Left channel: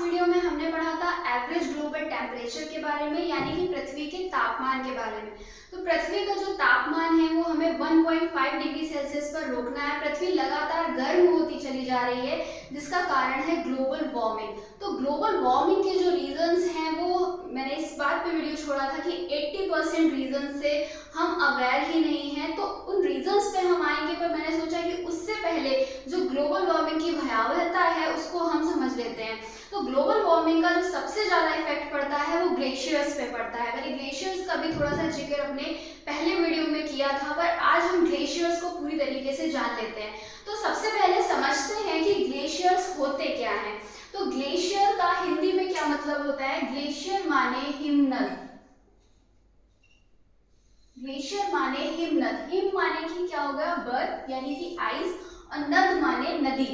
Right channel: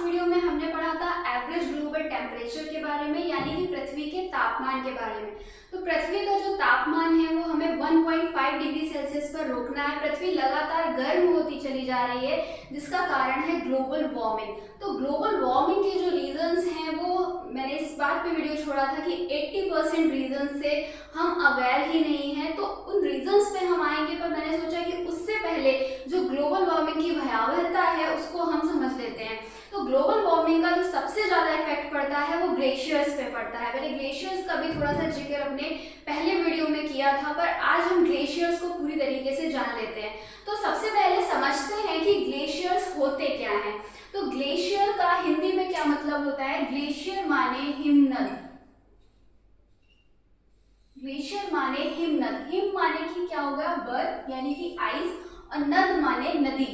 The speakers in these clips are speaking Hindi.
लास्ट वीडियो में हमने पढ़ा था एवरेज ग्लोबल टेम्परेचर के बारे में, यानी कि पृथ्वी के तापमान के बारे में। तो पृथ्वी का जो तापमान है वो हमें 1.5 डिग्री सेल्सियस पर रोकना है। पृथ्वी लगातार गर्म होती चली जा रही है, जिसका कारण है ग्लोबल वार्मिंग। तो ग्लोबल वार्मिंग के जो रीजंस हैं वो मैंने इस बात पे वीडियो छोड़ा था कि 80% रीजन से हम अवेयर ही नहीं हैं। तो उन रीजंस पे हम आएंगे, पर मैंने सोचा कि उससे पहले जो ग्लोबल वार्मिंग की भयावहता है उसको हम समझ लेते हैं। तो ग्लोबल वार्मिंग का जो सबसे ज़्यादा इफेक्ट पड़ता है वो ग्लेशियर्स पे पड़ता है। मैंने ग्लेशियर्स का भी थोड़ा सा जिक्र अपने पहले वीडियो में किया था, पर आज हम ग्लेशियर्स को पूरी तरीके से जान लेते हैं। तो सबसे पहले समझते हैं कि ग्लेशियर्स होते क्या हैं। तो ग्लेशियर का हिंदी में क्या मतलब होता है? ग्लेशियर माने हिमनद। ग्लेशियर माने हिमनद। हिम माने कि क्या होगा? बर्फ यानी कि आइस, और नद माने नदी,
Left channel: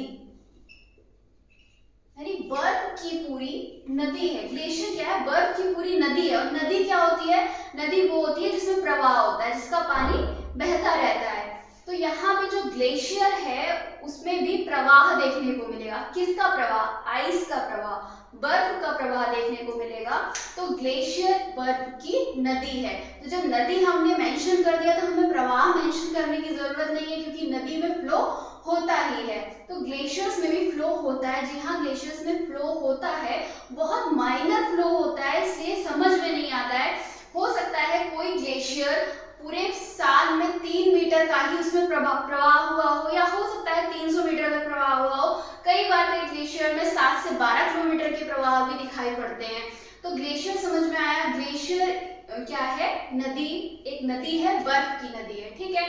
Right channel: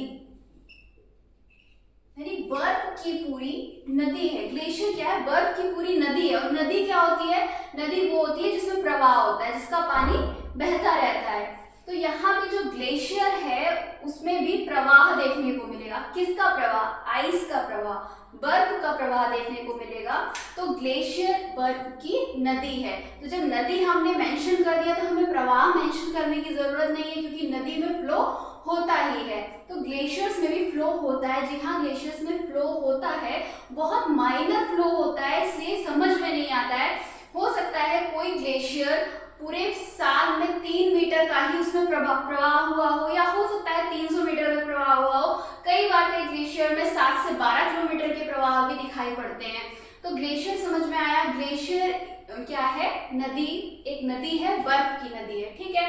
यानी बर्फ की पूरी नदी है। ग्लेशियर क्या है? बर्फ की पूरी नदी है। और नदी क्या होती है? नदी वो होती है जिसमें प्रवाह होता है, जिसका पानी बहता रहता है। तो यहाँ भी जो ग्लेशियर है उसमें भी प्रवाह देखने को मिलेगा। किसका प्रवाह? आइस का प्रवाह, बर्फ का प्रवाह देखने को मिलेगा। तो ग्लेशियर बर्फ की नदी है। तो जब नदी हमने मेंशन कर दिया तो हमें प्रवाह मेंशन करने की जरूरत नहीं है, क्योंकि नदी में फ्लो होता ही है। तो ग्लेशियर्स में भी फ्लो होता है। जी हाँ, ग्लेशियर्स में फ्लो होता है, बहुत माइनर फ्लो होता है, इसलिए समझ में नहीं आता है। हो सकता है कोई ग्लेशियर पूरे साल में 3 मीटर का ही उसमें प्रवाह हुआ हो, या हो सकता है 300 मीटर का प्रवाह हुआ हो। कई बार कई ग्लेशियर में 7 से 12 किलोमीटर के प्रवाह भी दिखाई पड़ते हैं। तो ग्लेशियर समझ में आया। ग्लेशियर क्या है? नदी, एक नदी है, बर्फ की नदी है। ठीक है,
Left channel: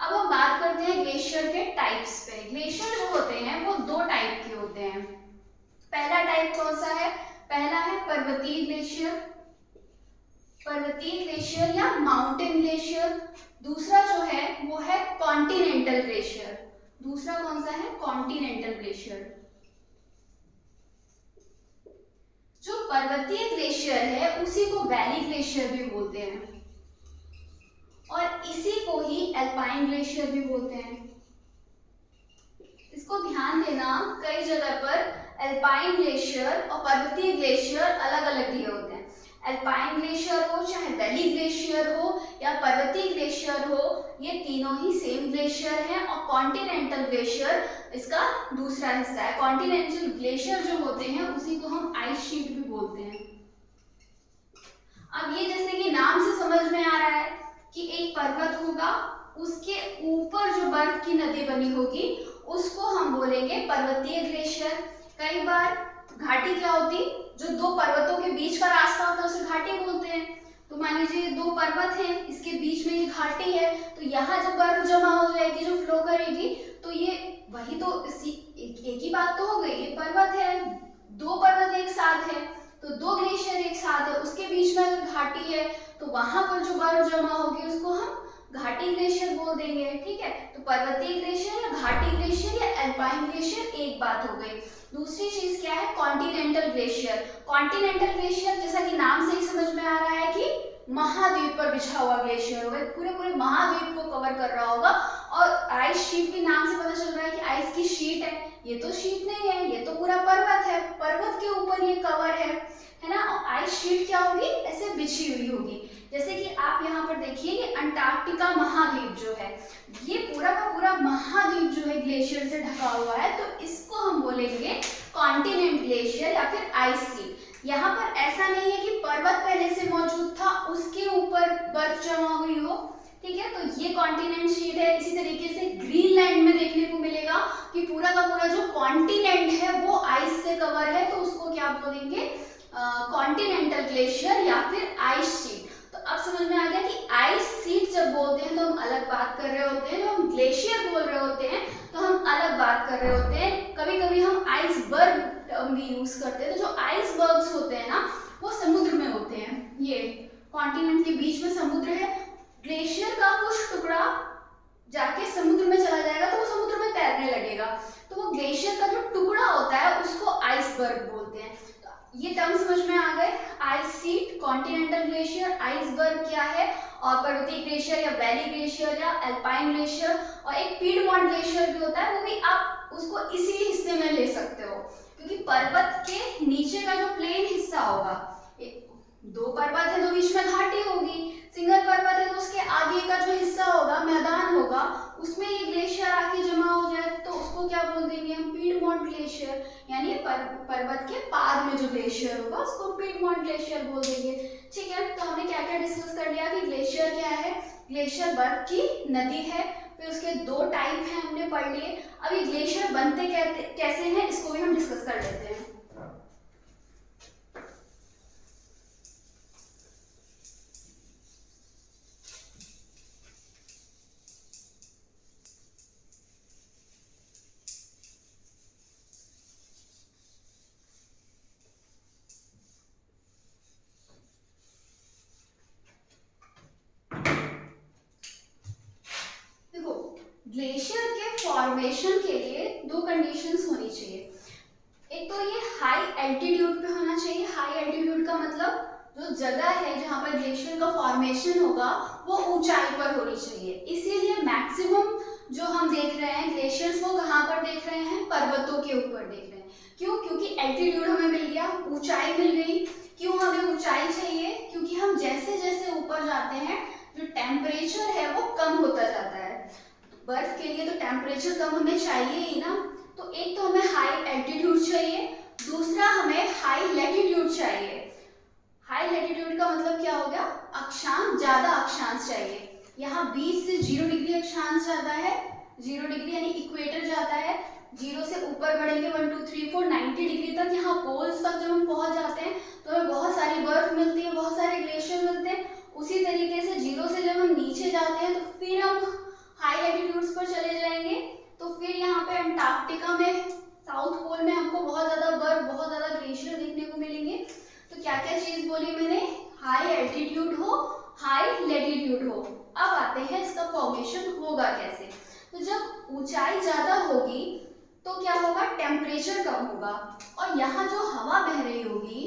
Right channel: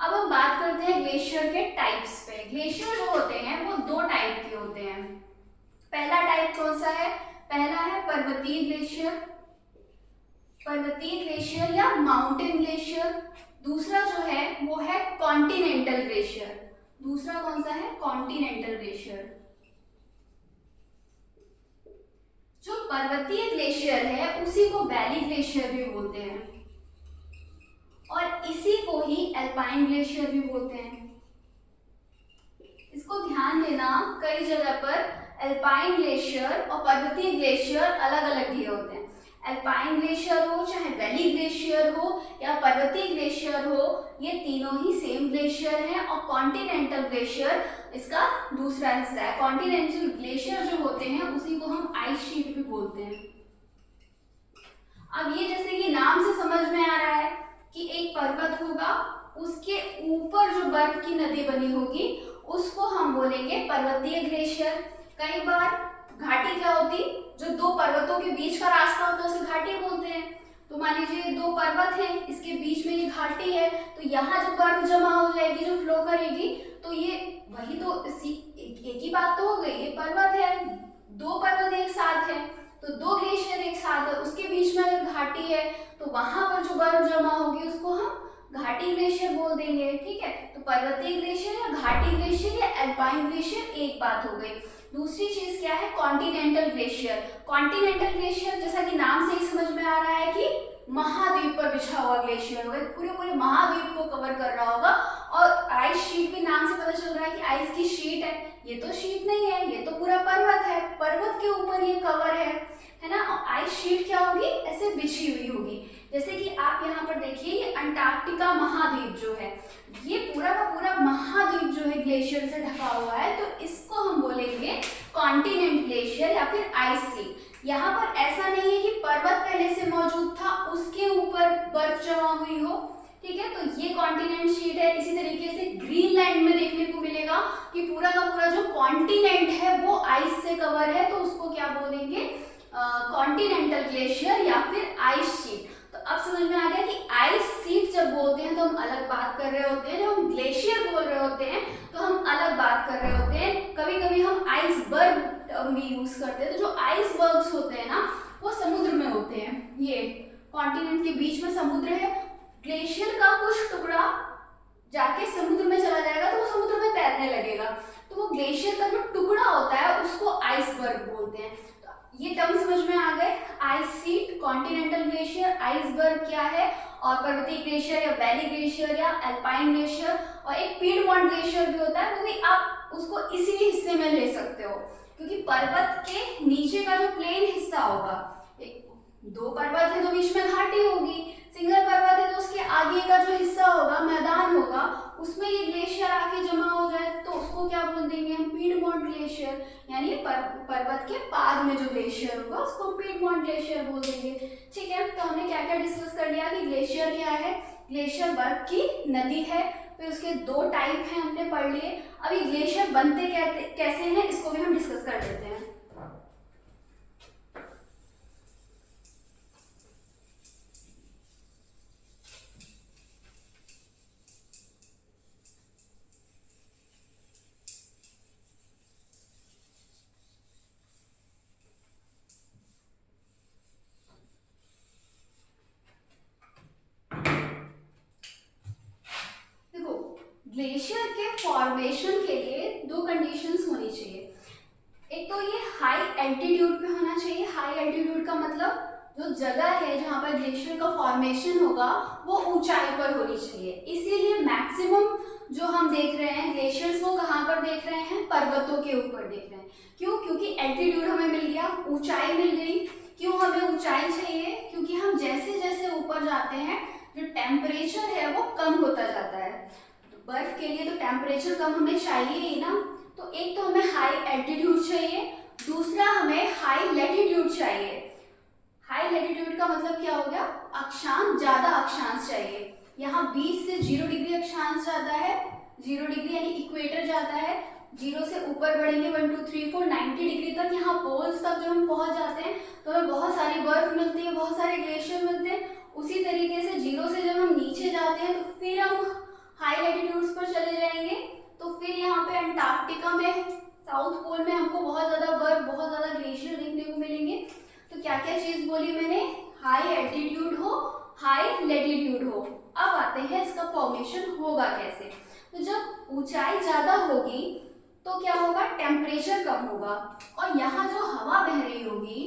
अब हम बात करते हैं ग्लेशियर के टाइप्स पे। ग्लेशियर जो होते हैं वो 2 टाइप के होते हैं। पहला टाइप कौन सा है? पहला है पर्वतीय ग्लेशियर, पर्वतीय ग्लेशियर या माउंटेन ग्लेशियर। दूसरा जो है वो है कॉन्टिनेंटल ग्लेशियर। दूसरा कौन सा है? Continental glacier. जो पर्वतीय ग्लेशियर है उसी को वैली ग्लेशियर भी बोलते हैं, और इसी को ही एल्पाइन ग्लेशियर भी बोलते हैं। इसको ध्यान देना, कई जगह पर एल्पाइन ग्लेशियर और पर्वतीय ग्लेशियर अलग अलग दिए होते हैं। एल्पाइन ग्लेशियर हो, चाहे वैली ग्लेशियर हो या पर्वतीय ग्लेशियर हो, ये तीनों ही सेम ग्लेशियर हैं। और कॉन्टिनेंटल ग्लेशियर इसका दूसरा हिस्सा है। कॉन्टिनेंटल ग्लेशियर जो होते हैं उसी को हम आइस शीट भी बोलते हैं। अब ये जैसे कि नाम से समझ में आ रहा है कि एक पर्वत होगा, उसके ऊपर जो बर्फ की नदी बनी होगी उसको हम बोलेंगे पर्वतीय ग्लेशियर। कई बार घाटी क्या होती? जो 2 पर्वतों के बीच का रास्ता होता है उसे घाटी बोलते हैं। तो मान लीजिए 2 पर्वत हैं, इसके बीच में ये घाटी है, तो यहाँ जब बर्फ जमा हो जाएगी, जो फ्लो करेगी, तो ये वही तो एक ही बात तो हो गई। ये पर्वत है, 2 पर्वत एक साथ है, तो 2 ग्लेशियर एक साथ है, उसके बीच में अगर घाटी है तो वहां पर जो बर्फ जमा होगी उसको हम घाटी ग्लेशियर बोल देंगे। ठीक है, तो पर्वतीय ग्लेशियर या घाटी ग्लेशियर या एल्पाइन ग्लेशियर एक बात हो गई। दूसरी चीज क्या है? Continental glacier. कॉन्टिनेंटल ग्लेशियर जैसा कि नाम से ही समझ में आ रहा है कि महाद्वीप पर बिछा हुआ ग्लेशियर होगा, पूरे पूरे महाद्वीप को कवर कर रहा होगा। और आइस शीट भी नाम से पता चल रहा है कि आइस की शीट है। ये तो शीट नहीं है, ये तो पूरा पर्वत है, पर्वत के ऊपर ये कवर है ना। और आइस शीट क्या होगी? ऐसे बिछी हुई होगी। जैसे कि आप यहाँ पर देखिए, ये अंटार्कटिका महाद्वीप जो है, ये पूरा का पूरा महाद्वीप जो है ग्लेशियर से ढका हुआ है, तो इसको हम बोलेंगे कॉन्टिनेंट ग्लेशियर या फिर आइस शीट। यहाँ पर ऐसा नहीं है कि पर्वत पहले से मौजूद था, उसके ऊपर बर्फ जमा हुई हो। ठीक है, तो ये कॉन्टिनेंट शीट है। इसी तरीके से ग्रीनलैंड में देखने को मिलेगा कि पूरा का पूरा जो कॉन्टिनेंट है वो आइस से कवर है, तो उसको क्या बोलेंगे? कॉन्टिनेंटल ग्लेशियर या फिर आइस शीट। तो अब समझ में आ गया कि आइस शीट जब बोलते हैं तो हम अलग बात कर रहे होते हैं, जब हम ग्लेशियर बोल रहे होते हैं तो हम अलग बात कर रहे होते हैं। कभी कभी हम आइसबर्ग टर्म भी यूज करते हैं। तो जो आइसबर्ग्स होते हैं ना, वो समुद्र में होते हैं। ये कॉन्टिनेंट के बीच में समुद्र है, ग्लेशियर का कुछ टुकड़ा जाके समुद्र में चला जाएगा तो वो समुद्र में तैरने लगेगा, तो वो ग्लेशियर का जो टुकड़ा होता है उसको आइसबर्ग बोलते हैं। ये टर्म समझ में आ गए? Ice sheet, continental glacier, iceberg क्या है, और पर्वतीय ग्लेशियर या वैली ग्लेशियर या एल्पाइन ग्लेशियर, और एक पीडमॉन्ट ग्लेशियर भी होता है, वो भी आप उसको इसी हिस्से में ले सकते हो, क्योंकि पर्वत के नीचे का जो प्लेन हिस्सा होगा, एक दो पर्वत है तो बीच में घाटी होगी, सिंगल पर्वत है तो उसके आगे का जो हिस्सा होगा, मैदान होगा, उसमें ये ग्लेशियर आके जमा हो जाए तो उसको क्या बोल देंगे हम, पीडमोंट ग्लेशियर, यानी पर्वत के पाद में जो ग्लेशियर होगा उसको पीडमोंट ग्लेशियर बोल देंगे। ठीक है, तो हमने क्या क्या डिस्कस कर लिया कि ग्लेशियर क्या है, ग्लेशियर बर्फ की नदी है, फिर उसके दो टाइप हैं हमने पढ़ लिए। अभी ग्लेशियर बनते कैसे हैं इसको भी हम डिस्कस कर लेते हैं। ग्लेशियर के फॉर्मेशन के लिए दो कंडीशंस होनी चाहिए। एक तो ये हाई एल्टीट्यूड पे होना चाहिए। हाई एल्टीट्यूड का मतलब जो जगह है जहाँ पर ग्लेशियर का फॉर्मेशन होगा वो ऊंचाई पर होनी चाहिए। इसीलिए मैक्सिमम जो हम देख रहे हैं ग्लेशियर्स वो कहाँ पर देख रहे हैं, पर्वतों के ऊपर देख रहे हैं। क्यों? क्योंकि एल्टीट्यूड हमें मिल गया, ऊंचाई मिल गई। क्यों हमें ऊंचाई चाहिए? क्योंकि हम जैसे जैसे ऊपर जाते हैं जो टेम्परेचर है वो कम होता जाता है। बर्फ के लिए तो टेम्परेचर कम हमें चाहिए ही ना, तो एक तो हमें हाई एल्टीट्यूड चाहिए, दूसरा हमें हाई लैटिट्यूड चाहिए। हाई लैटिट्यूड का मतलब क्या हो गया, अक्षांश, ज्यादा अक्षांश चाहिए। यहाँ 20 से 0 डिग्री अक्षांश जाता है, 0 डिग्री यानी इक्वेटर जाता है। 0 से ऊपर बढ़ेंगे 1 2 3 4 90 डिग्री तक, यहाँ पोल्स तक जब हम पहुंच जाते हैं तो हमें बहुत सारी बर्फ मिलती है, बहुत सारे ग्लेशियर मिलते हैं। उसी तरीके से 0 से जब हम नीचे जाते हैं तो फिर हम हाई लैटिट्यूड्स पर चले जाएंगे, तो फिर यहाँ पे अंटार्कटिका में, साउथ पोल में हमको बहुत ज्यादा बर्फ, बहुत ज्यादा ग्लेशियर देखने को मिलेंगे। तो क्या क्या चीज बोली मैंने, हाई एल्टीट्यूड हो, हाई लैटिट्यूड हो। अब आते हैं इसका फॉर्मेशन होगा कैसे। तो जब ऊंचाई ज्यादा होगी तो क्या होगा, टेम्परेचर कम होगा, और यहाँ जो हवा बह रही होगी,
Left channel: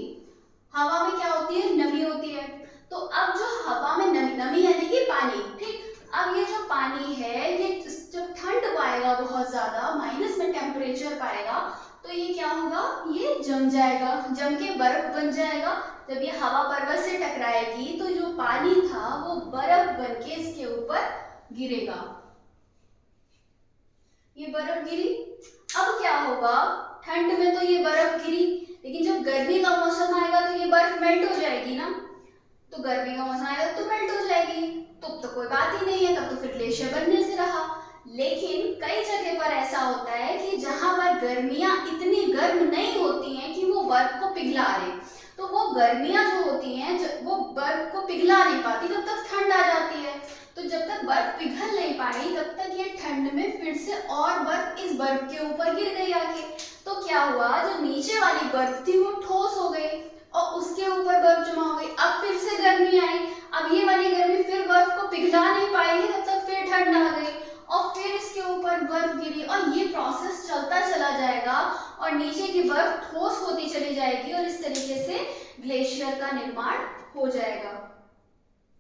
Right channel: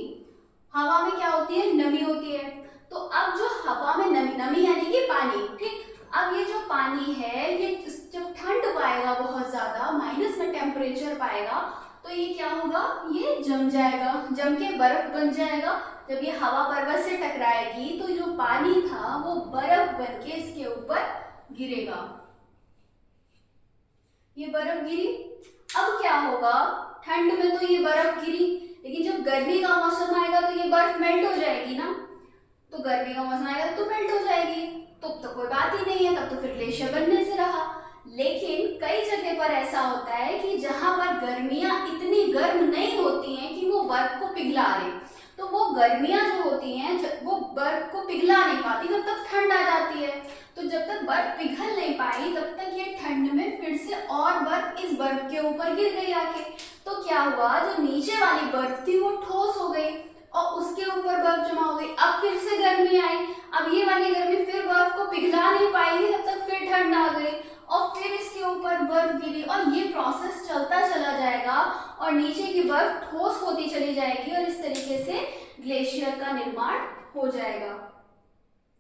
हवा में क्या होती है, नमी होती है। तो अब जो हवा में नमी, नमी यानी कि पानी, ठीक, अब ये जो पानी है ये जब ठंड पाएगा, बहुत ज्यादा माइनस में टेम्परेचर पाएगा, तो ये क्या होगा, ये जम जाएगा, जम के बर्फ बन जाएगा। जब ये हवा पर्वत से टकराएगी तो जो पानी था वो बर्फ बन के इसके ऊपर गिरेगा, ये बर्फ गिरी। अब क्या होगा, ठंड में तो ये बर्फ गिरी, लेकिन जब गर्मी का मौसम आएगा तो ये बर्फ मेल्ट हो जाएगी ना, तो गर्मी का मौसम आएगा तो मेल्ट हो जाएगी, तो कोई बात ही नहीं है, तब तो फिर ग्लेशियर बनने से रहा। लेकिन कई जगह पर ऐसा होता है कि जहां पर गर्मियां इतनी गर्म नहीं होती हैं कि वो बर्फ को पिघला दे, तो वो गर्मियां जो होती हैं वो बर्फ को पिघला नहीं पाती, तब तक ठंड आ जाती है। तो जब तक बर्फ पिघल नहीं पाई तब तक ये ठंड में फिर से और बर्फ इस बर्फ के ऊपर गिर गई आके। तो क्या हुआ, जो नीचे वाली बर्फ थी वो ठोस हो गई और उसके ऊपर बर्फ जमा हो गई। अब फिर से गर्मी आई, अब ये वाली गर्मी फिर बर्फ को पिघला नहीं पाएगी, तब तक फिर ठंड आ गई और फिर इसके ऊपर बर्फ गिरी, और ये प्रोसेस चलता चला जाएगा और नीचे की बर्फ ठोस होती चली जाएगी और इस तरीके से ग्लेशियर का निर्माण हो जाएगा।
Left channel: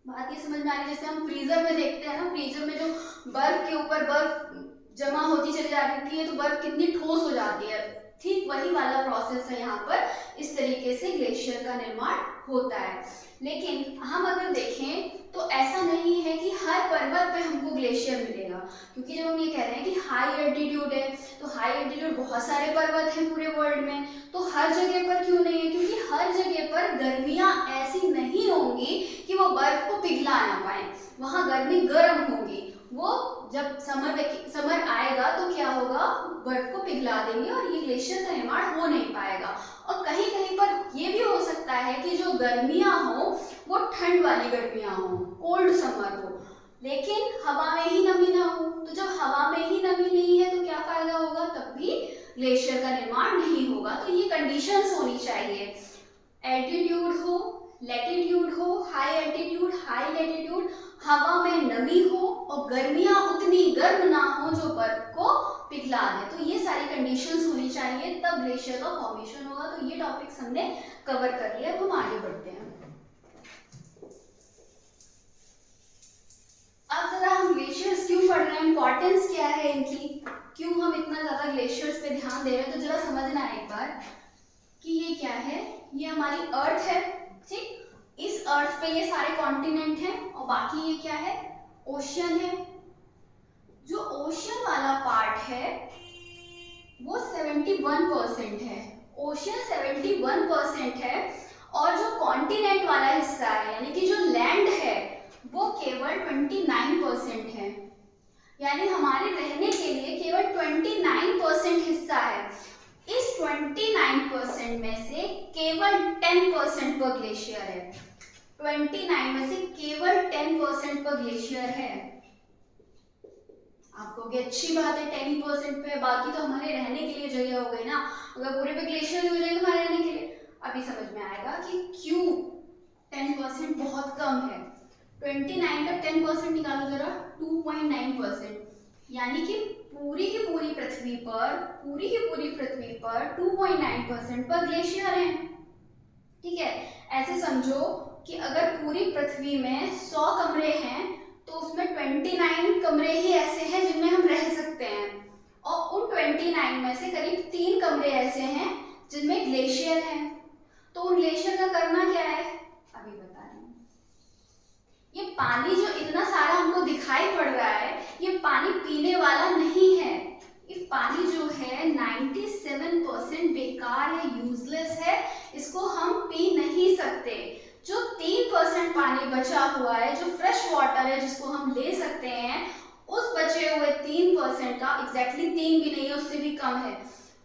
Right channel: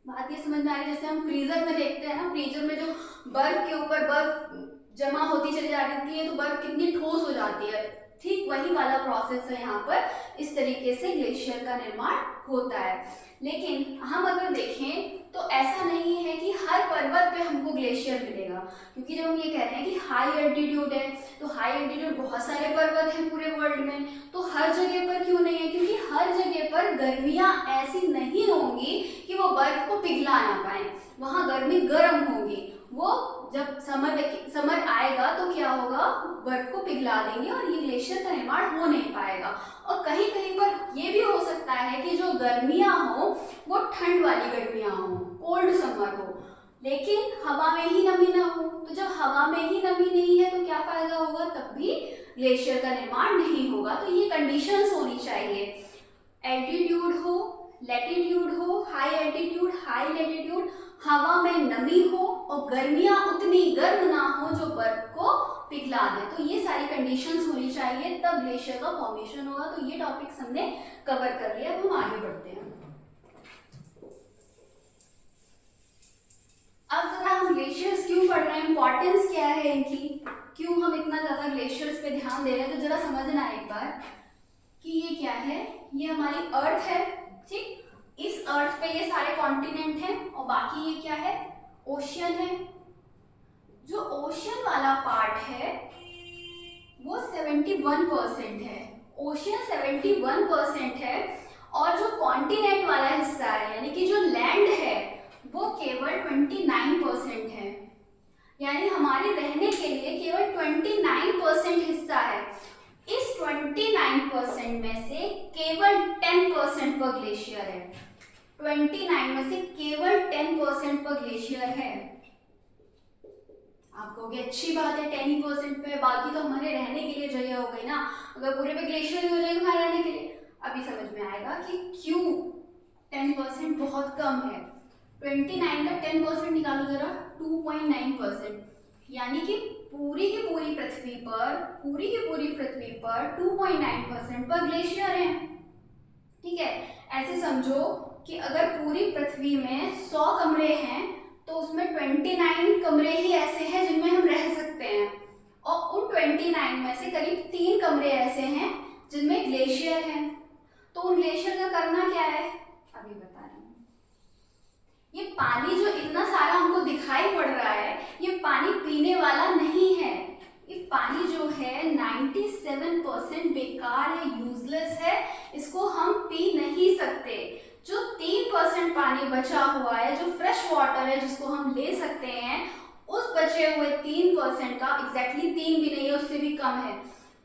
बात ये समझ में आ रही है, जैसे हम फ्रीजर में देखते हैं ना, फ्रीजर में जो बर्फ के ऊपर बर्फ जमा होती चली जाती है तो बर्फ कितनी ठोस हो जाती है, ठीक वही वाला प्रोसेस है यहाँ पर, इस तरीके से ग्लेशियर का निर्माण होता है। लेकिन हम अगर देखें तो ऐसा नहीं है कि हर पर्वत पे हमको ग्लेशियर मिलेगा, क्योंकि जब हम ये कह रहे हैं कि हाई एल्टीट्यूड है, तो हाई एल्टीट्यूड बहुत सारे पर्वत हैं पूरे वर्ल्ड में, तो हर जगह पर क्यों नहीं है, क्योंकि हर जगह पर गर्मियाँ ऐसी नहीं होंगी कि वो बर्फ को पिघला ना पाए, वहाँ गर्मी गर्म होगी, वो जब समर आएगा तो क्या होगा, बर्फ को पिघला देंगे और ये ग्लेशियर का निर्माण हो नहीं पाएगा। और कहीं कहीं पर ये भी हो सकता है कि जो गर्मियां हो वो ठंड वाली गर्मियां हो, कोल्ड समर हो, लेकिन हवा में ही नमी ना हो। तो जब हवा में ही नमी नहीं है तो क्या फायदा होगा, तब भी ग्लेशियर का निर्माण नहीं होगा। तो ये कंडीशंस होनी चाहिए, एल्टीट्यूड हो, लैटिट्यूड हो, हाई एल्टीट्यूड, हाई लैटिट्यूड, हवा में नमी हो और गर्मियां उतनी गर्म ना हो जो बर्फ को पिघला दे। तो ये सारी कंडीशंस होनी चाहिए, तब ग्लेशियर का फॉर्मेशन होगा। तो ये टॉपिक्स हमने कवर कर लिया, अब हम आगे बढ़ते हैं। अब जरा हम ग्लेशियर्स क्यों पढ़ रहे हैं, इंपॉर्टेंस क्या है इनकी, क्यों हम इतना ज्यादा ग्लेशियर्स पे ध्यान दे रहे हैं, तो जरा समझना है एक बार। बार कि ये क्या है, ये हमारी अर्थ है, ठीक। इस अर्थ पे ये सारे कॉन्टिनेंट हैं और बाकी ये क्या है, ओशियन है। जो ओशियन वाला पार्ट है वो 71% है, ओशियन 71% है, और जो कॉन्टिनेंट वाला हिस्सा है यानी कि जो लैंड है वो केवल 29% है। यानी हमारे रहने के लिए केवल 29% हिस्सा है। इस 29% में से केवल 10% पर ग्लेशियर है। 29 में से केवल 10% पर ग्लेशियर है। आप कहोगे अच्छी बात है 10% पे, बाकी तो हमारे रहने के लिए जगह हो गई ना, अगर पूरे पे ग्लेशियर हो जाएगा हमारे रहने के लिए। अभी समझ में आएगा कि क्यों 10% बहुत कम है। 29 का 10% निकालो जरा, 2.9%, यानी कि पूरी की पूरी पृथ्वी पर 2.9% पर ग्लेशियर है, ठीक है। ऐसे समझो कि अगर पूरी पृथ्वी में 100 कमरे हैं तो उसमें 29 कमरे ही ऐसे हैं जिनमें हम रह सकते हैं, और उन 29 में से करीब 3 कमरे ऐसे हैं जिनमें ग्लेशियर हैं। तो उन ग्लेशियर का करना क्या है अभी बता रही हूँ। ये पानी जो इतना सारा हमको दिखाई पड़ रहा है ये पानी पीने वाला नहीं है। ये पानी जो है 97% बेकार है, यूजलेस है, इसको हम पी नहीं सकते। जो 3% पानी बचा हुआ है, जो फ्रेश वाटर है जिसको हम ले सकते हैं, उस बचे हुए 3% का, एग्जैक्टली 3 भी नहीं है उससे भी कम है,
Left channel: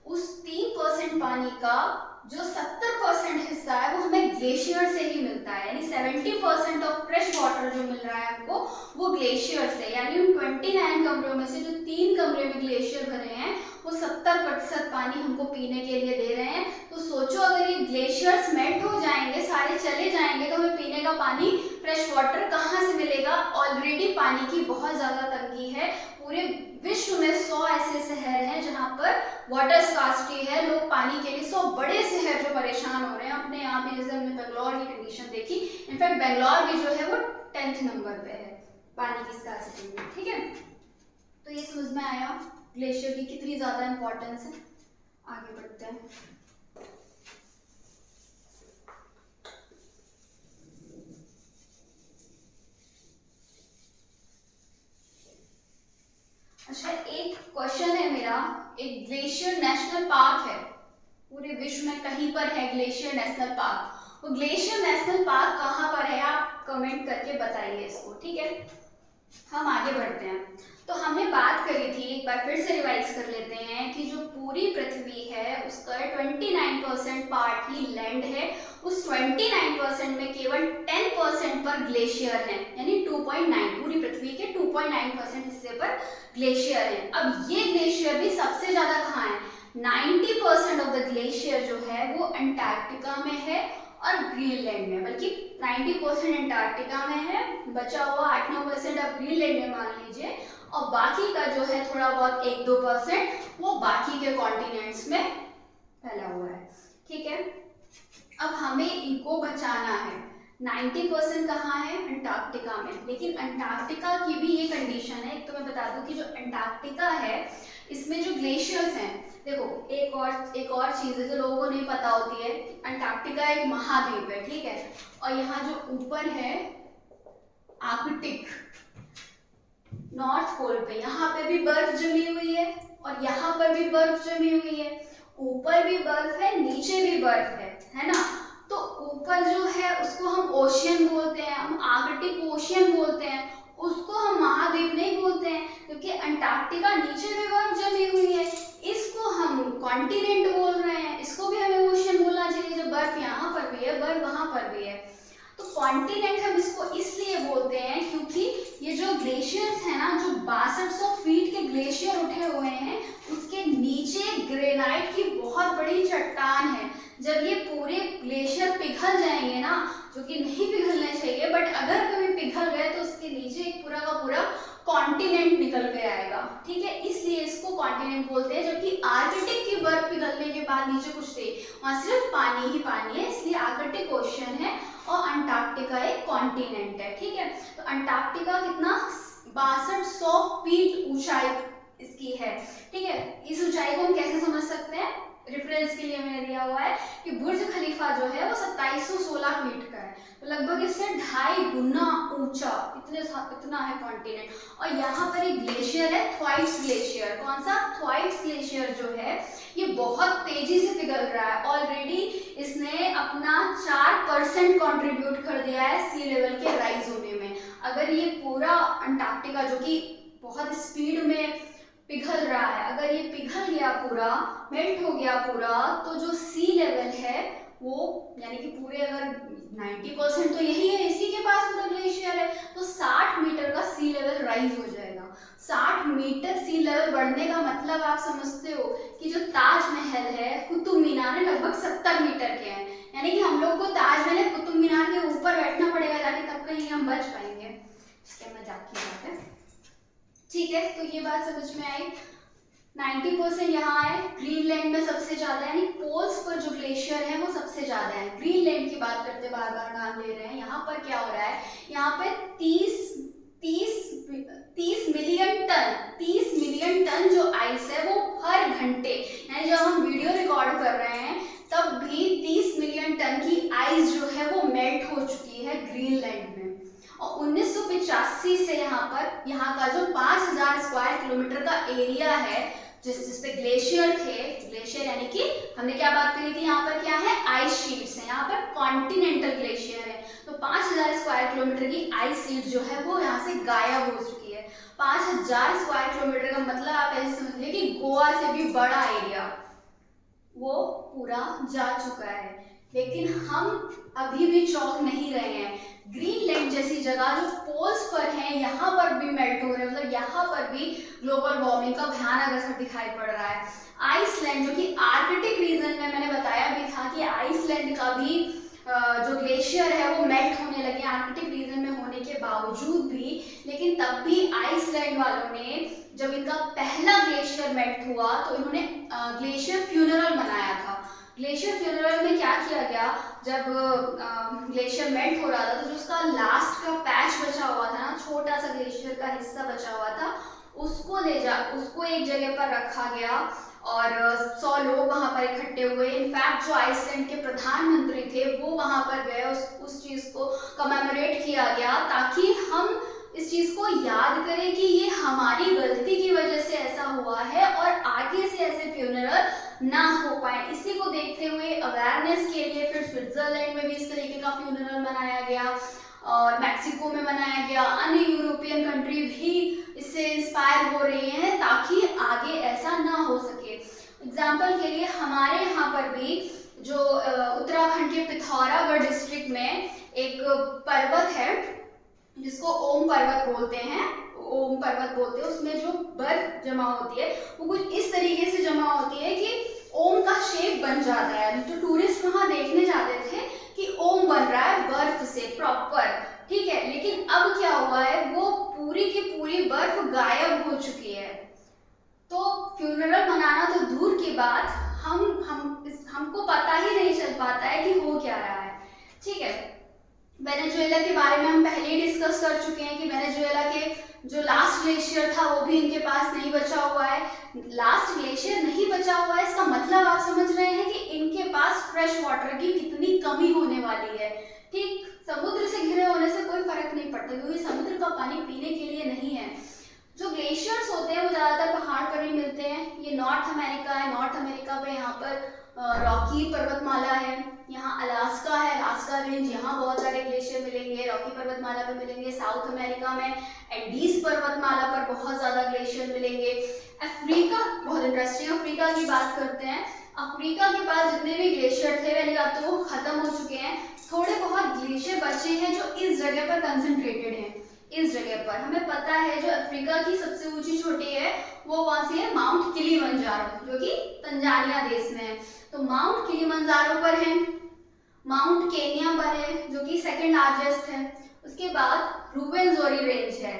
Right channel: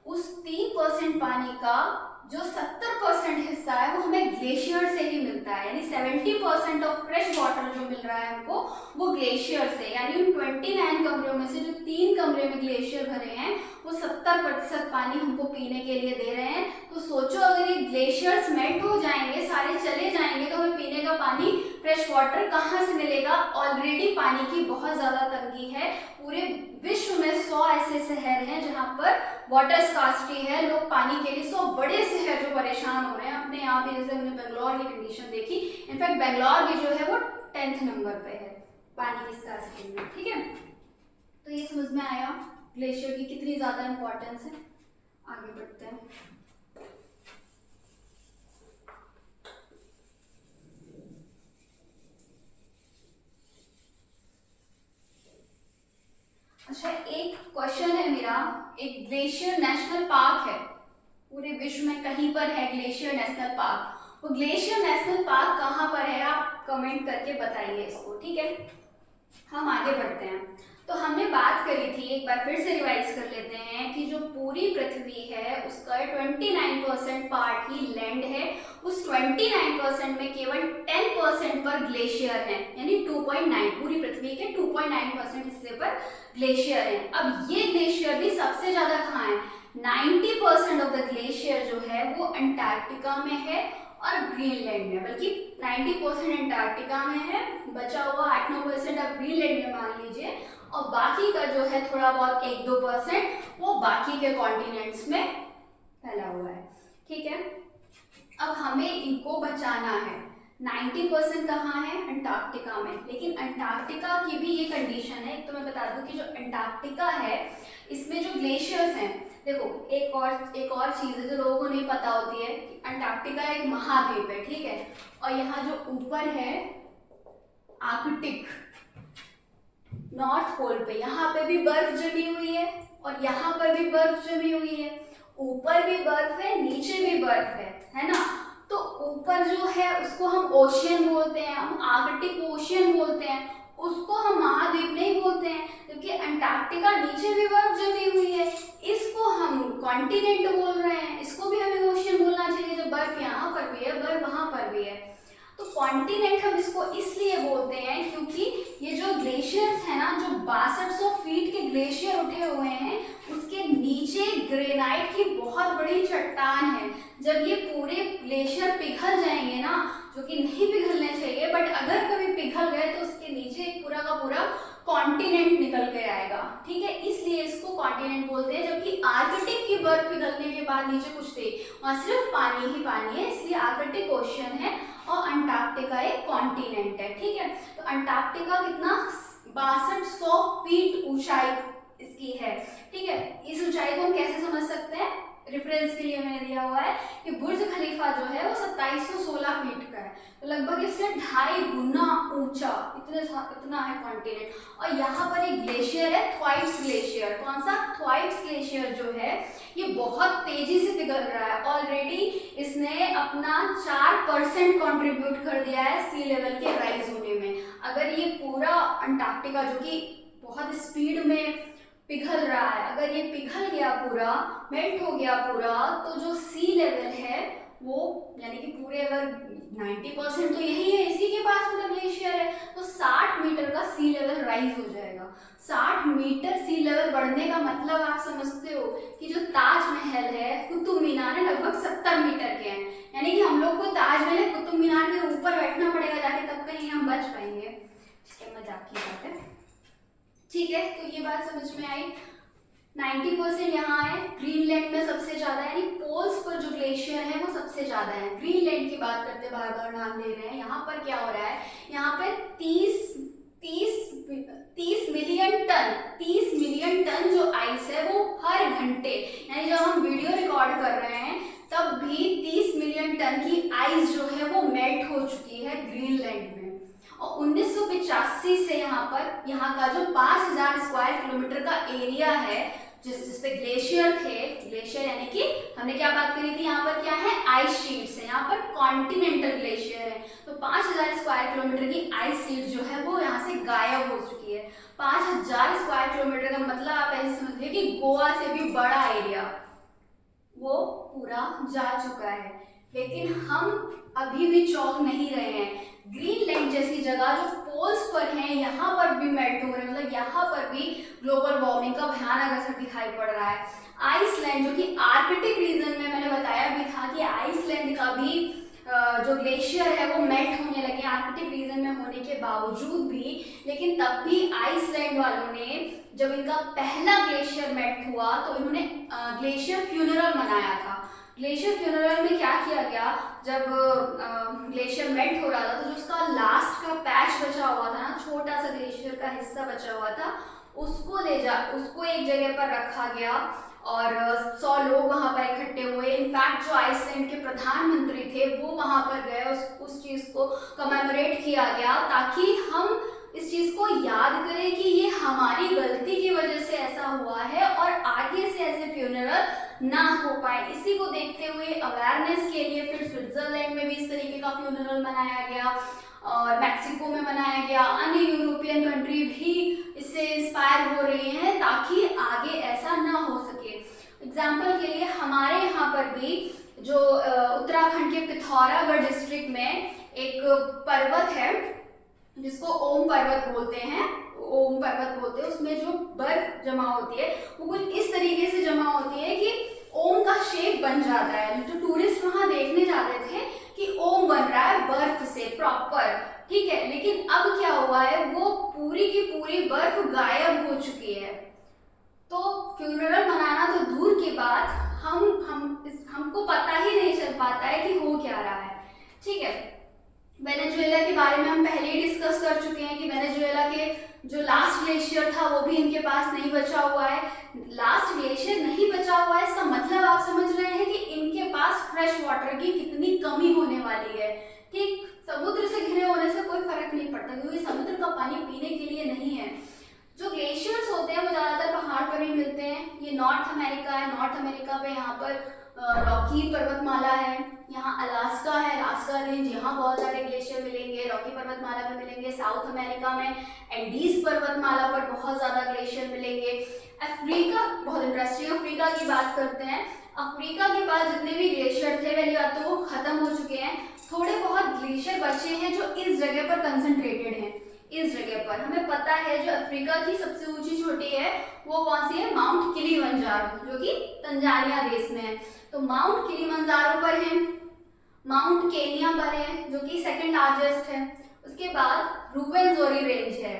उस 3% पानी का जो 70% हिस्सा है वो हमें ग्लेशियर से ही मिलता है। यानी 70% ऑफ फ्रेश वाटर जो मिल रहा है हमको वो ग्लेशियर से। यानी उन 29 कमरों में से जो 3 कमरे में ग्लेशियर भरे हैं वो 70% पानी हमको पीने के लिए दे रहे हैं। तो सोचो अगर ये ग्लेशियर्स मेल्ट हो जाएंगे, सारे चले जाएंगे, तो हमें पीने का पानी, फ्रेश वाटर कहाँ से मिलेगा। ऑलरेडी पानी की बहुत ज्यादा तंगी है। पूरे विश्व में 100 ऐसे शहर हैं जहाँ पर वाटर स्कार्सिटी है, लोग पानी के लिए, 100 बड़े शहर जो परेशान हो रहे हैं अपने आप ही। जैसे हमने बेंगलोर की कंडीशन देखी, इनफैक्ट बेंगलोर भी जो है वो 10th नंबर पे है पानी की स्कार्सिटी में, ठीक है। तो ये समझ में आया ग्लेशियर की कितनी ज्यादा इंपॉर्टेंस है। आगे बढ़ते हैं। अच्छा, एक क्वेश्चन है मेरा, एक ग्लेशियर नेशनल पार्क है पूरे विश्व में, कहीं पर है ग्लेशियर नेशनल पार्क। वो ग्लेशियर नेशनल पार्क कहाँ पर है आप कमेंट करके बताइए इसको, ठीक है। हम आगे बढ़ते हैं। तो हमने बात करी थी, एक बार फिर से रिवाइज कर लेते हैं कि जो पूरी पृथ्वी है उसका 29% पार्ट ही लैंड है। उस 29% में केवल 10% पर ग्लेशियर है, यानी 2.9, पूरी पृथ्वी के 2.9% हिस्से पर ग्लेशियर है। अब ये ग्लेशियर भी सबसे ज्यादा कहाँ है, 90% ऑफ द ग्लेशियर जो है वो अंटार्कटिका में है और ग्रीनलैंड में, बल्कि 90% अंटार्कटिका में है, बचा हुआ 8-9% अब ग्रीनलैंड में मान लीजिए, और बाकी का जो है थोड़ा बहुत 1-2% वो बाकी के कॉन्टिनेंट्स में फैला हुआ है, ठीक है। अब हमें इनको बचाना है। 90% कहाँ है, अंटार्कटिका में। लेकिन अंटार्कटिका की भी ये कंडीशन है, एक तो मैं बता दूं कि जो अंटार्कटिका है इसमें जो ग्लेशियर्स हैं, देखो एक और चीज है जो लोगों को नहीं पता होती है, अंटार्कटिका एक महाद्वीप है, ठीक है, और यहाँ जो ऊपर है आर्कटिक नॉर्थ पोल पे, यहाँ पे भी बर्फ जमी हुई है और यहाँ पर भी बर्फ जमी हुई है, ऊपर भी बर्फ है नीचे भी बर्फ है ना। तो ऊपर जो है उसको हम ओशियन बोलते हैं, हम आर्कटिक ओशियन बोलते हैं, उसको हम महाद्वीप नहीं बोलते हैं, क्योंकि अंटार्कटिका नीचे भी बर्फ जमी हुई है, इसको हम कॉन्टिनेंट बोल रहे हैं, इसको भी हमें ओशियन बोलना चाहिए। जो बर्फ यहाँ पर भी है बर्फ वहां पर भी है, तो कॉन्टिनेंट हम इसको इसलिए बोलते हैं क्योंकि ये जो ग्लेशियर्स है ना, जो 6200 फीट के ग्लेशियर उठे हुए हैं, उसके नीचे ग्रेनाइट की बहुत बड़ी चट्टान है। जब ये पूरे ग्लेशियर पिघल जाएंगे ना, जो कि नहीं पिघलने चाहिए, बट अगर कभी पिघल गए तो उसके नीचे एक पूरा का पूरा कॉन्टिनेंट निकल के आएगा, ठीक है, इसलिए इसको कॉन्टिनेंट बोलते हैं। जबकि आर्कटिक की बर्फ पिघलने के बाद नीचे कुछ थे, वहां सिर्फ पानी ही पानी है, इसलिए आर्कटिक ओशियन है और अंटार्कटिका एक कॉन्टिनेंट है, ठीक है। तो अंटार्कटिका कितना 6200 फीट ऊंचाई इसकी है, ठीक है। इस ऊंचाई को हम कैसे समझ सकते हैं, रेफरेंस के लिए मैंने दिया हुआ है कि बुर्ज खलीफा जो है वो 2716 फीट का है, तो लगभग इससे 2.5 गुना ऊंचा, इतना है कॉन्टिनेंट। और यहाँ पर एक ग्लेशियर है, थ्वाइट्स ग्लेशियर। कौन सा? थ्वाइट्स ग्लेशियर जो है ये बहुत तेजी से पिघल रहा है। ऑलरेडी इसने अपना 4% कंट्रीब्यूट कर दिया है सी लेवल के राइज होने में। अगर ये पूरा अंटार्कटिका जो कि बहुत स्पीड में पिघल रहा है, अगर ये पिघल गया पूरा, मेल्ट हो गया पूरा, तो जो सी लेवल है वो यानी कि पूरे अगर 90% तो यही है, इसी के पास पूरा ग्लेशियर है, तो 60 मीटर का सी लेवल राइज हो जाएगा। 60 मीटर सी लेवल बढ़ने का मतलब आप समझते हो कि जो ताजमहल है, कुतुब मीनार है, लगभग 70 मीटर के हैं। यानी कि हम लोग को ताजमहल कुतुब मीनार के ऊपर बैठना पड़ेगा जाके, तब कहीं हम बच पाएंगे। इसके मजाक की बात है, ठीक है। तो ये बात समझ में आई। 90% यहाँ है। ग्रीनलैंड में सबसे ज्यादा, यानी पोल्स पर जो ग्लेशियर है वो सबसे ज्यादा है। ग्रीनलैंड की बात करते बार बार नाम ले रहे हैं। यहाँ पर क्या हो रहा है, यहाँ पे 30 मिलियन टन जो आइस है वो हर घंटे, यानी जब हम वीडियो रिकॉर्ड कर रहे हैं तब भी 30 मिलियन टन की आइस जो है वो मेल्ट हो चुकी है ग्रीनलैंड में। और 1985 से यहाँ का जो 5000 स्क्वायर किलोमीटर का एरिया है जिसपे ग्लेशियर थे, ग्लेशियर यानी कि हमने क्या बात करी थी, यहाँ पर क्या है, आइस शीट्स है, यहाँ पर कॉन्टिनेंटल ग्लेशियर है। तो 5000 स्क्वायर किलोमीटर की आइस शीट जो है वो यहाँ से गायब हो चुकी है। 5000 स्क्वायर किलोमीटर का मतलब आप ऐसे समझिए कि गोवा से भी बड़ा एरिया वो पूरा जा चुका है। लेकिन हम अभी भी चौंक नहीं रहे हैं। ग्रीनलैंड जैसी जगह जो पोल्स पर है, यहाँ पर भी मेल्ट हो रहा है, मतलब यहाँ पर भी ग्लोबल वार्मिंग का भयानक असर दिखाई पड़ रहा है। आइसलैंड जो कि आर्कटिक रीजन में, मैंने बताया भी था कि आइसलैंड का भी जो ग्लेशियर है वो मेल्ट होने लगे आर्कटिक रीजन में होने के बावजूद भी। लेकिन तब भी आइसलैंड वालों ने, जब इनका पहला ग्लेशियर मेल्ट हुआ तो इन्होंने ग्लेशियर फ्यूनरल मनाया था। ग्लेशियर फ्यूनरल में क्या किया गया, जब ग्लेशियर मेल्ट हो रहा था तो जो उसका लास्ट का पैच बचा हुआ था ना, छोटा सा ग्लेशियर का हिस्सा बचा हुआ था, उसको एक जगह पर रखा गया और 100 लोग वहां पर इकट्ठे हुए। इनफैक्ट जो आइसलैंड के प्रधानमंत्री थे वो वहां पर गए, उस चीज को कमेमोरेट किया गया ताकि हम इस चीज को याद करें कि ये हमारी गलती की वजह से ऐसा हुआ है और आगे से ऐसे फ्यूनरल ना हो पाए। इसी को देखते हुए अवेयरनेस के लिए फिर स्विट्जरलैंड में भी इस तरीके का फ्यूनरल मनाया गया और मैक्सिको में मनाया गया। अन्य यूरोपियन कंट्री भी इससे इंस्पायर हो रही हैं ताकि आगे ऐसा ना हो सके। एग्जाम्पल के लिए हमारे यहाँ पर भी जो उत्तराखंड के पिथौरागढ़ डिस्ट्रिक्ट में एक पर्वत है जिसको ओम पर्वत बोलते हैं, उसमें जो बर्फ जमा होती है वो कुछ इस तरीके से जमा होती है कि ओम का शेप बन जाता है। तो टूरिस्ट वहां देखने जाते थे कि ओम बन रहा है बर्फ से प्रॉपर, ठीक है। लेकिन अब क्या हुआ है, वो पूरी की पूरी बर्फ गायब हो चुकी है। तो फ्यूनरल मनाना तो दूर की बात, हमको पता ही नहीं चल पाता है कि हो क्या रहा है, ठीक है। वेनेजुएला के बारे में हम पहले ही डिस्कस कर चुके हैं कि वेनेजुएला के जो लास्ट ग्लेशियर था वो भी इनके पास नहीं बचा हुआ है। लास्ट ग्लेशियर नहीं बचा हुआ है, इसका मतलब आप समझ रहे हैं कि इनके पास फ्रेश वाटर की कितनी कमी होने वाली है, ठीक। समुद्र से घिरे होने से कोई फर्क नहीं पड़ता क्योंकि समुद्र का पानी पीने के लिए नहीं है। जो ग्लेशियर्स होते हैं वो ज़्यादातर पहाड़ पर ही मिलते हैं। ये नॉर्थ अमेरिका है, नॉर्थ अमेरिका पे यहाँ पर रॉकी पर्वतमाला है, यहाँ अलास्का है, अलास्का रेंज, यहाँ बहुत सारे ग्लेशियर मिलेंगे, रॉकी पर्वतमाला पे मिलेंगे। साउथ अमेरिका में एंडीज पर्वतमाला पर बहुत ज़्यादा ग्लेशियर मिलेंगे। अफ्रीका बहुत इंटरेस्टिंग, अफ्रीका की बात करते हैं। अफ्रीका के पास जितने भी ग्लेशियर थे पहली बात तो वो खत्म हो चुके हैं, थोड़े बहुत ग्लेशियर बचे हैं जो इस जगह पर कंसंट्रेटेड हैं। इस जगह पर हमें पता है जो अफ्रीका की सबसे ऊंची चोटी है वो कौन सी है, माउंट किलिमंजारो, जो कि तंजानिया देश में है। तो माउंट किलिमंजारो पर है, माउंट केनिया पर है जो कि सेकंड लार्जेस्ट है। उसके बाद रुवेनजोरी रेंज है,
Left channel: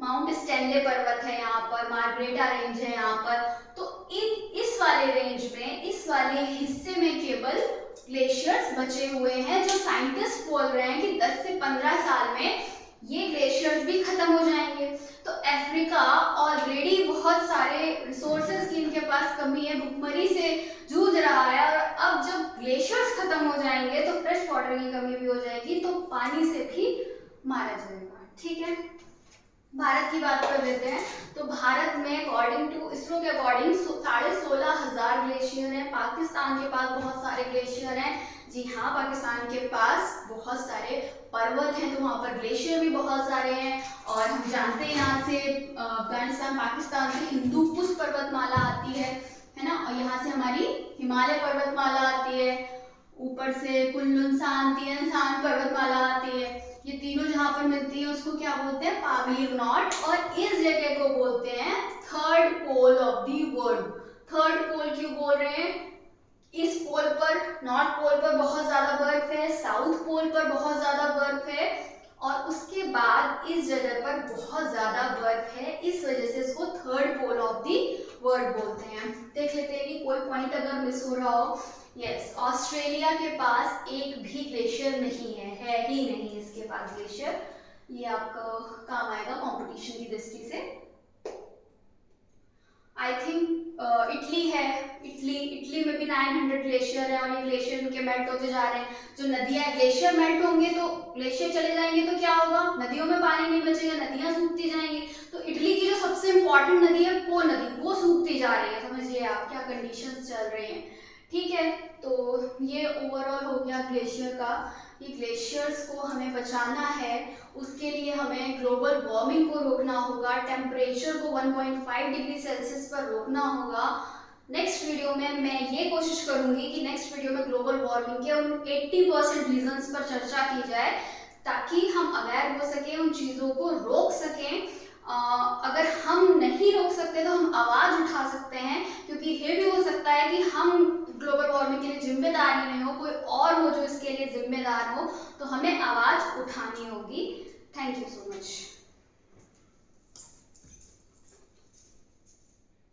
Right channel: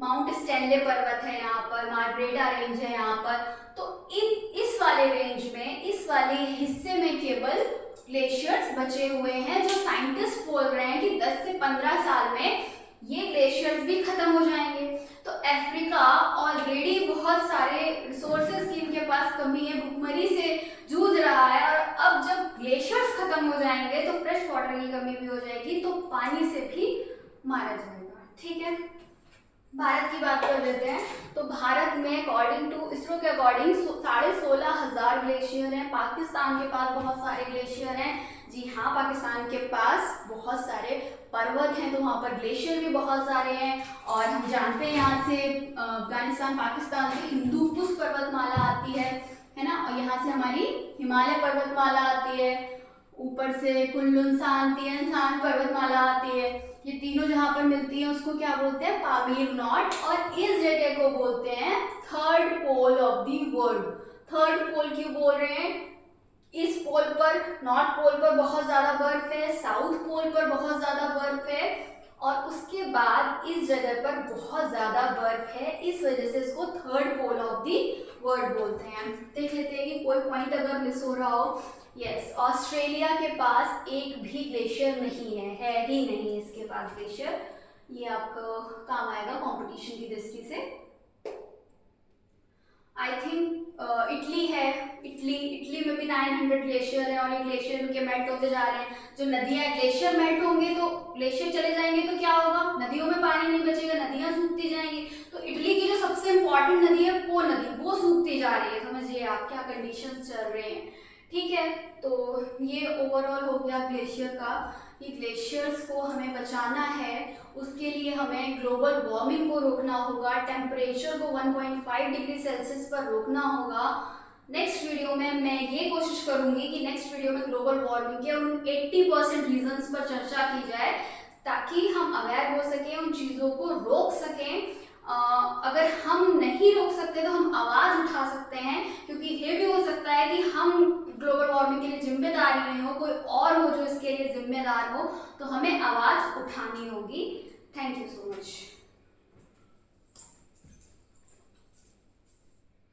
माउंट स्टैनले पर्वत है यहाँ पर, मार्ग्रेटा रेंज है यहाँ पर। तो इस वाले रेंज में, इस वाले हिस्से में केवल ग्लेशियर्स बचे हुए हैं, जो साइंटिस्ट बोल रहे हैं कि 10 से 15 साल में ये ग्लेशियर्स भी खत्म हो जाएंगे। तो अफ्रीका ऑलरेडी बहुत सारे रिसोर्सेज की इनके पास कमी है, भुखमरी से जूझ रहा खत्म हो जाएंगे तो फ्रेश वाटर की कमी भी हो जाएगी, तो पानी से भी मारा जाएगा। ठीक है, भारत की बात कर लेते हैं। तो भारत में अकॉर्डिंग टू इसरो के अकॉर्डिंग 16,500 ग्लेशियर हैं। पाकिस्तान के पास बहुत सारे ग्लेशियर हैं। जी हाँ, पाकिस्तान के पास बहुत सारे पर्वत हैं, तो वहाँ पर ग्लेशियर भी बहुत सारे हैं। और हम जानते हैं यहाँ से अफगानिस्तान पाकिस्तान से हिंदू कुश पर्वतमाला आती है ना, और यहाँ से हमारी हिमालय पर्वतमाला आती है, ऊपर से कुल्लुन तियान पर्वतमाला आती है। ये तीनों जहाँ पर मिलती है उसको क्या बोलते हैं, पामीर नॉट। और इस जगह को बोलते हैं third pole of the world. Third pole क्यों बोल रहे हैं, इस पोल पर, नॉर्थ पोल पर बहुत ज्यादा बर्फ है, साउथ पोल पर बहुत ज्यादा बर्फ है, और उसके बाद इस जगह पर बहुत ज्यादा बर्फ है, इस वजह से इसको third pole of the world बोलते हैं। देख लेते हैं कि कोई पॉइंट अगर मिस हो रहा हो। यस, ऑस्ट्रेलिया के पास एक भी ग्लेशियर नहीं है ही नहीं इसके पास ग्लेशियर। ये आपका काम आएगा कंपटीशन की दृष्टि से। आई थिंक इटली है, इटली में भी 900 ग्लेशियर है, और ये ग्लेशियर उनके मेल्ट होते जा रहे हैं। जो नदियां, ग्लेशियर मेल्ट होंगे तो ग्लेशियर चले जाएंगे तो क्या होगा, नदियों में पानी नहीं बचेगा, नदियां सूखती जाएंगी। तो इटली की जो सबसे इंपॉर्टेंट नदी है पो नदी, वो सूखती जा रही है। समझिए आप क्या कंडीशंस चल रहे हैं। ठीक है, तो ये ओवरऑल हो गया ग्लेशियर का। ये ग्लेशियर्स को हमें बचाना है, उसके लिए हमें ग्लोबल वार्मिंग को रोकना होगा, टेम्परेचर को 1.5 डिग्री सेल्सियस पर रोकना होगा। नेक्स्ट वीडियो में मैं ये कोशिश करूंगी कि नेक्स्ट वीडियो में ग्लोबल वार्मिंग के उन 80% रीजंस पर चर्चा की जाए, ताकि हम अवेयर हो सकें, उन चीज़ों को रोक सकें। अगर हम नहीं रोक सकते तो हम आवाज़ उठा सकते हैं, क्योंकि ये भी हो सकता है कि हम ग्लोबल वार्मिंग के लिए जिम्मेदार नहीं हो, कोई और हो जो इसके लिए जिम्मेदार हो, तो हमें आवाज़ उठानी होगी। Thank you so much.